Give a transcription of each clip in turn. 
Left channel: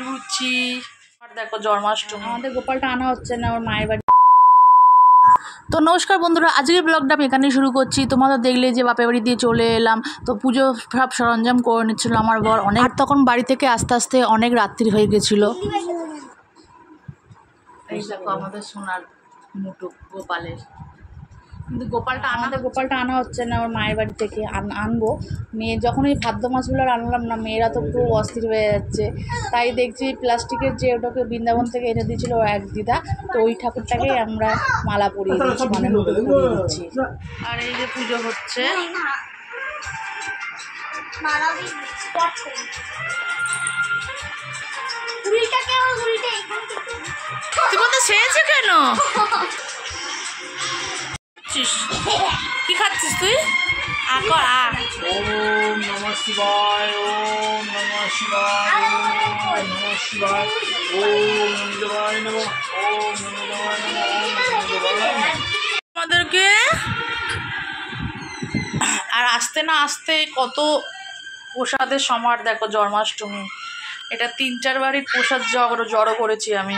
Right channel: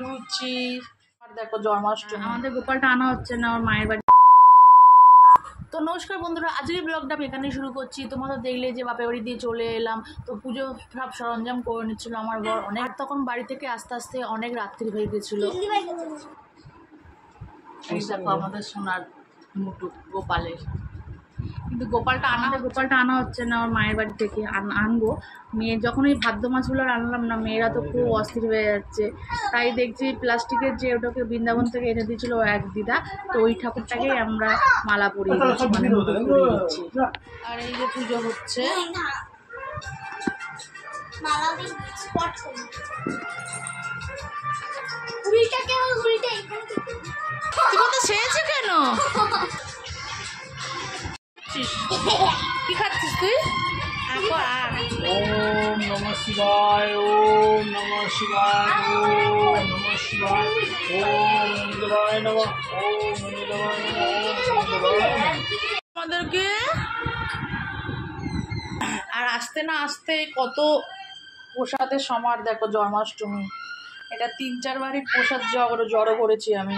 লুচি। আর দেখো জন্মাষ্টমী, আমাদের গোপালটা আনা হচ্ছে না, আমার মায়ের বাড়ি। তো নমস্কার বন্ধুরা, আজকের ব্লগটা আমি এখানেই শুরু করছি। তোমাদের দেখলে যে বাপের বাড়ি দিয়ে চলে এলাম, তো পুজো সব সরঞ্জাম করে নিচ্ছিল আমার বর অনেক। আর তখন বাড়ি থেকে আস্তে আস্তে অনেক রাত্রি হয়ে গেছিলো। এই দেখো আমাদের সোনার মুটুক গোপালের, কিন্তু গোপালটা আনা হচ্ছে না, আমার মায়ের বাড়ি থেকে আনবো। মেয়ে যখন এই ভাদ্র মাসগুলো আনলাম না, মেয়েরা তো খুব অস্থির হয়ে যাচ্ছে। তাই দেখছি প্লাস্টিকের যে ওটাকে বৃন্দাবন থেকে এনে দিয়েছিল এক দিদা, তো ওই ঠাকুরটাকেই আমরা মালা পরিয়ে দিচ্ছি, মানে মুটুক পরিয়ে দিচ্ছি। আর এই যে পুজো হচ্ছে, তোমাদের সেরেছে কেন? কি খাচ্ছিস তুই? ওম নমঃ শিবায়, ওম নমঃ শিবায়, ওম নমঃ শিবায়, ওম নমঃ নমঃ, ওম নমঃ নমঃ। আমাদেরকে আর আসতে না আসতে কত প্রসাদের সমার। দেখো জন্মাষ্টমী, এটা 3-4 বাড়ির প্রসাদ জড়ো করেছি আমি।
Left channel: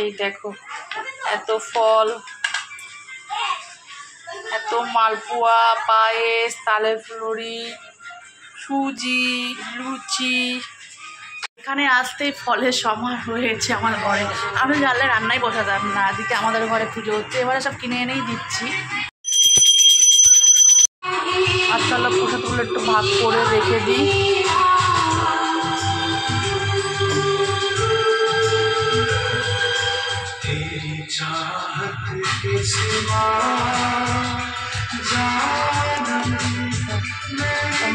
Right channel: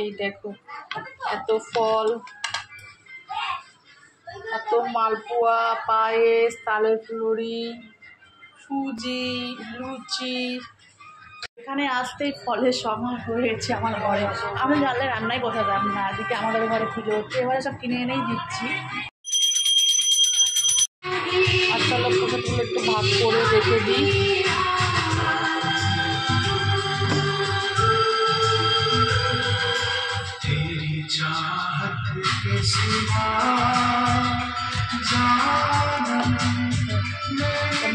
এই দেখো এত ফল, এত মালপোয়া, পায়েস, তালের ফুলুরি, সুজি, লুচি। এখানে আসতেই ফলের সমার হয়েছে আমার ঘরে। আমি জানলে রান্নাই বসাতাম না, এদিকে আমাদের ঘরে পুজো হচ্ছে, এবারে সব কিনে এনেই দিচ্ছি। আর তাহলে প্রসাদগুলো একটু ভাগ করে রেখে দিই।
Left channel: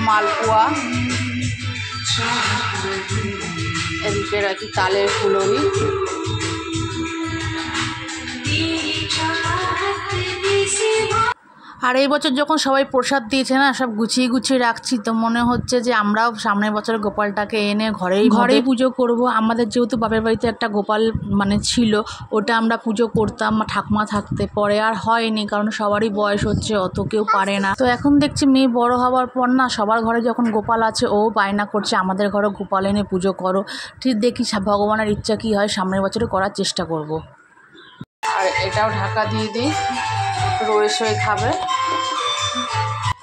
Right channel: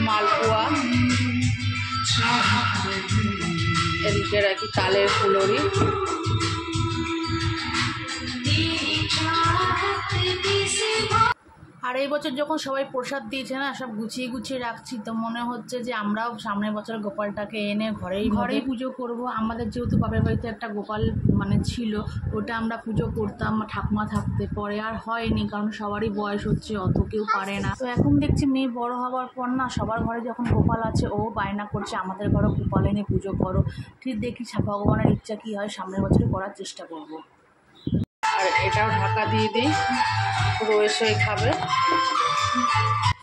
মালপোয়া, এদিকে রাখি তালের ফুলুরি। আর এই বছর যখন সবাই প্রসাদ দিয়েছে না, সব গুছিয়ে গুছিয়ে রাখছি, তো মনে হচ্ছে যে আমরাও সামনের বছর গোপালটাকে এনে ঘরেই পুজো করব। আমাদের যেহেতু বাপের বাড়িতে একটা গোপাল মানে ছিল, ওটা আমরা পুজো করতাম ঠাকুমা থাকতে, পরে আর হয়নি, কারণ সবারই বয়স হচ্ছে, অত কেউ পারে না। তো এখন দেখছি মেয়ে বড় হওয়ার পর না, সবার ঘরে যখন গোপাল আছে, ও বায়না করছে আমাদের ঘরে গোপাল এনে পুজো করো। ঠিক দেখি ভগবানের ইচ্ছা কী হয়, সামনের বছরে করার চেষ্টা করব। আর এটাও ঢাকা দিয়ে দিই, রয়েসই খাবে।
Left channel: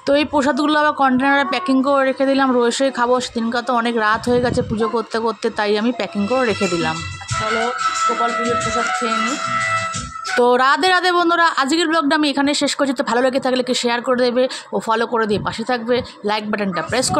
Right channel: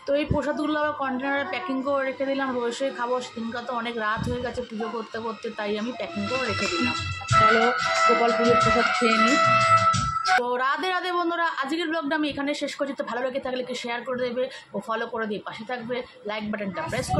তো এই প্রসাদগুলো আবার কন্টেনারে প্যাকিং করে রেখে দিলাম, রয়েসই খাবো। সেদিনকে তো অনেক রাত হয়ে গেছে পুজো করতে করতে, তাই আমি প্যাকিং করে রেখে দিলাম। চলো গোপাল পুজোর প্রসাদ খেয়ে নিই। তো রাধে রাধে বন্ধুরা, আজকের ব্লগটা আমি এখানে শেষ করছি। তো ভালো লেগে থাকলে কি শেয়ার করে দেবে ও ফলো করে দিয়ে পাশে থাকবে, লাইক বাটনটা প্রেস করে